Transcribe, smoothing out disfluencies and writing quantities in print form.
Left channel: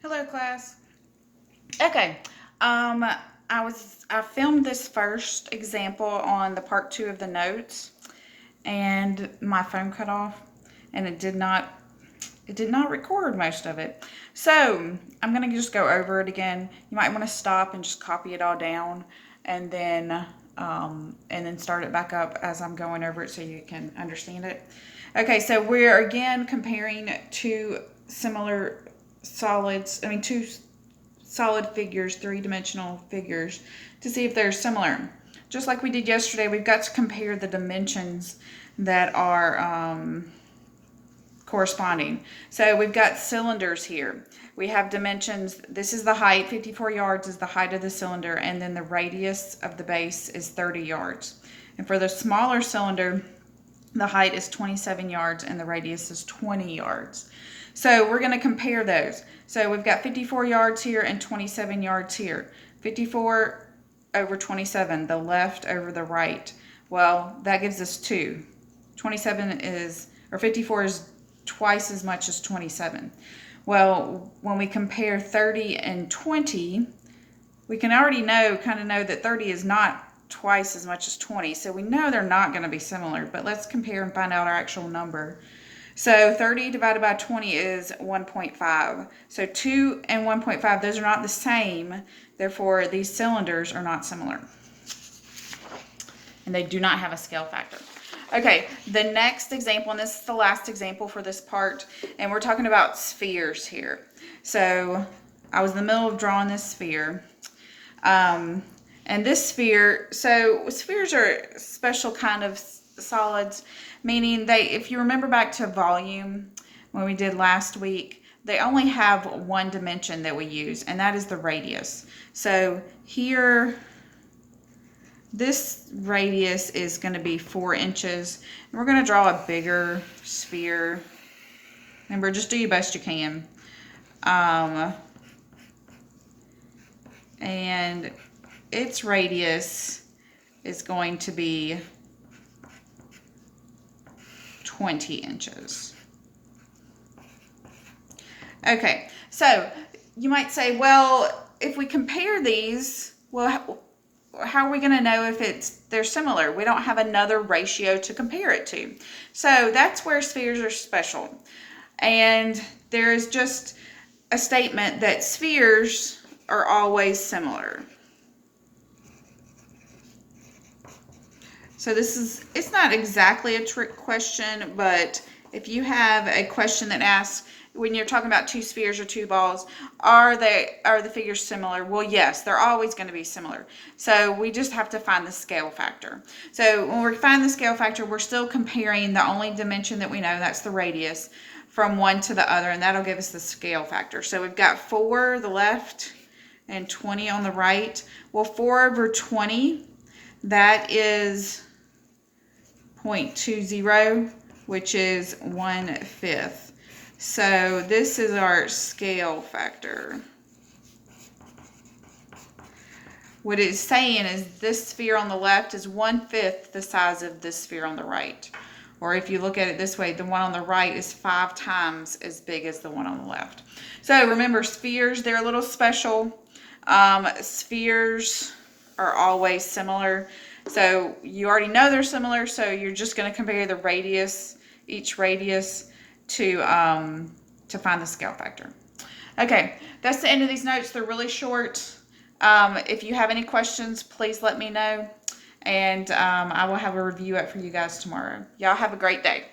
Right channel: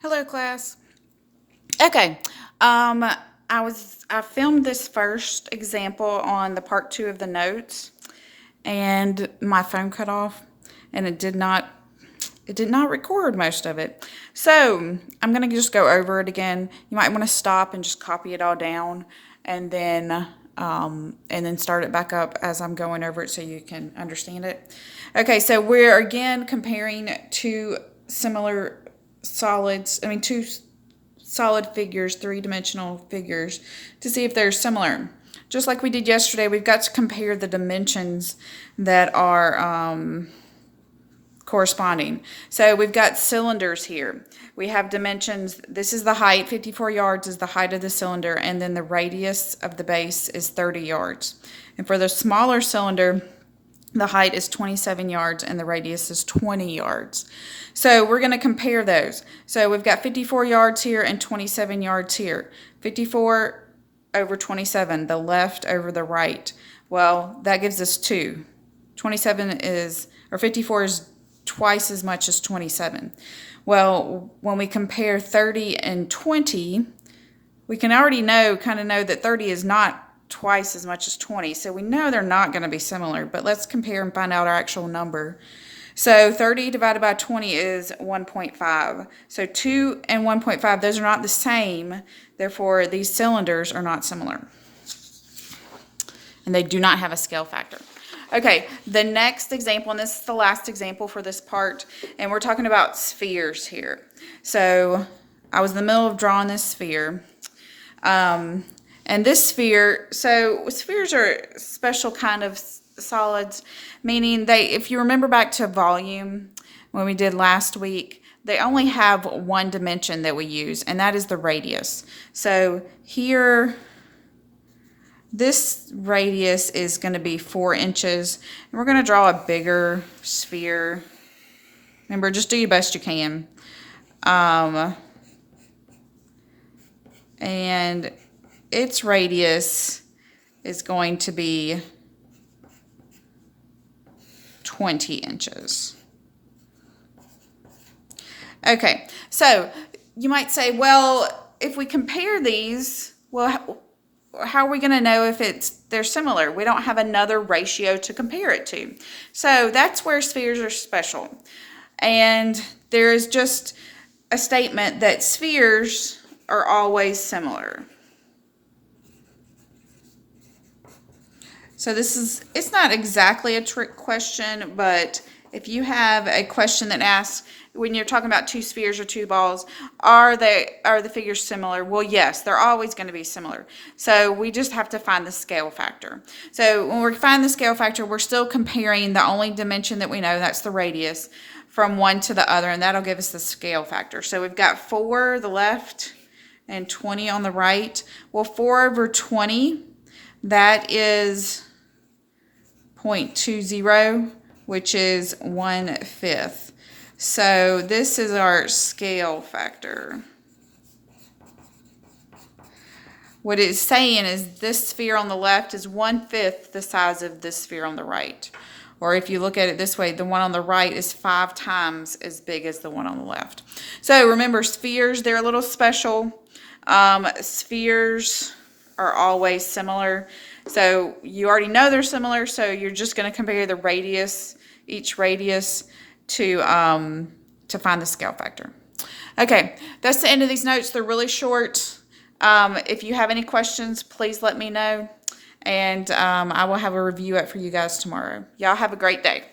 Hello, class. Okay. Um, I filmed this first example on the part 2 of the notes, and my phone cut off, and it did not record most of it. So I'm gonna just go over it again. You might want to stop and just copy it all down, and then start it back up as I'm going over it so you can understand it. Okay, so we're again comparing two similar solids. Two solid figures, three-dimensional figures, to see if they're similar. Just like we did yesterday, we've got to compare the dimensions that are corresponding. So we've got cylinders here. We have dimensions. This is the height, 54 yards is the height of the cylinder, and then the radius of the base is 30 yards. And for the smaller cylinder, the height is 27 yards and the radius is 20 yards. So we're going to compare those. So we've got 54 yards here and 27 yards here. 54 over 27, the left over the right. Well, that gives us 2. 54 is twice as much as 27. Well, when we compare 30 and 20, we can already know that 30 is not twice as much as 20. So we know they're not going to be similar, but let's compare and find out our actual number. So 30 divided by 20 is 1.5. So 2 and 1.5, those are not the same. Therefore, these cylinders are not similar. And they do not have a scale factor. Okay, the next example, and this is the last example for this part, and we're talking about spheres here. So I was in the middle of drawing this sphere. And this sphere, so spheres are a special kind of solids, meaning if you remember back to volume when we did last week, they only have one dimension that we use, and that is the radius. So here, this radius is going to be 4 inches, and we're going to draw a bigger sphere. Remember, just do your best you can. And its radius is going to be 20 inches. Okay, so you might say, well, if we compare these, well, how are we going to know if they're similar? We don't have another ratio to compare it to. So that's where spheres are special. And there is just a statement that spheres are always similar. So it's not exactly a trick question, but if you have a question that asks, when you're talking about two spheres or two balls, are the figures similar? Well, yes, they're always going to be similar. So we just have to find the scale factor. So when we find the scale factor, we're still comparing the only dimension that we know, that's the radius, from one to the other, and that'll give us the scale factor. So we've got 4 the left and 20 on the right. Well, 4 over 20, that is 0.20, which is 1/5. So this is our scale factor. What it's saying is this sphere on the left is 1/5 the size of this sphere on the right. Or if you look at it this way, the one on the right is 5 times as big as the one on the left. So remember, spheres, they're a little special. Spheres are always similar. So you already know they're similar, so you're just going to compare the radius, each radius, to find the scale factor. Okay, that's the end of these notes. They're really short. If you have any questions, please let me know, and I will have a review up for you guys tomorrow. Y'all have a great day.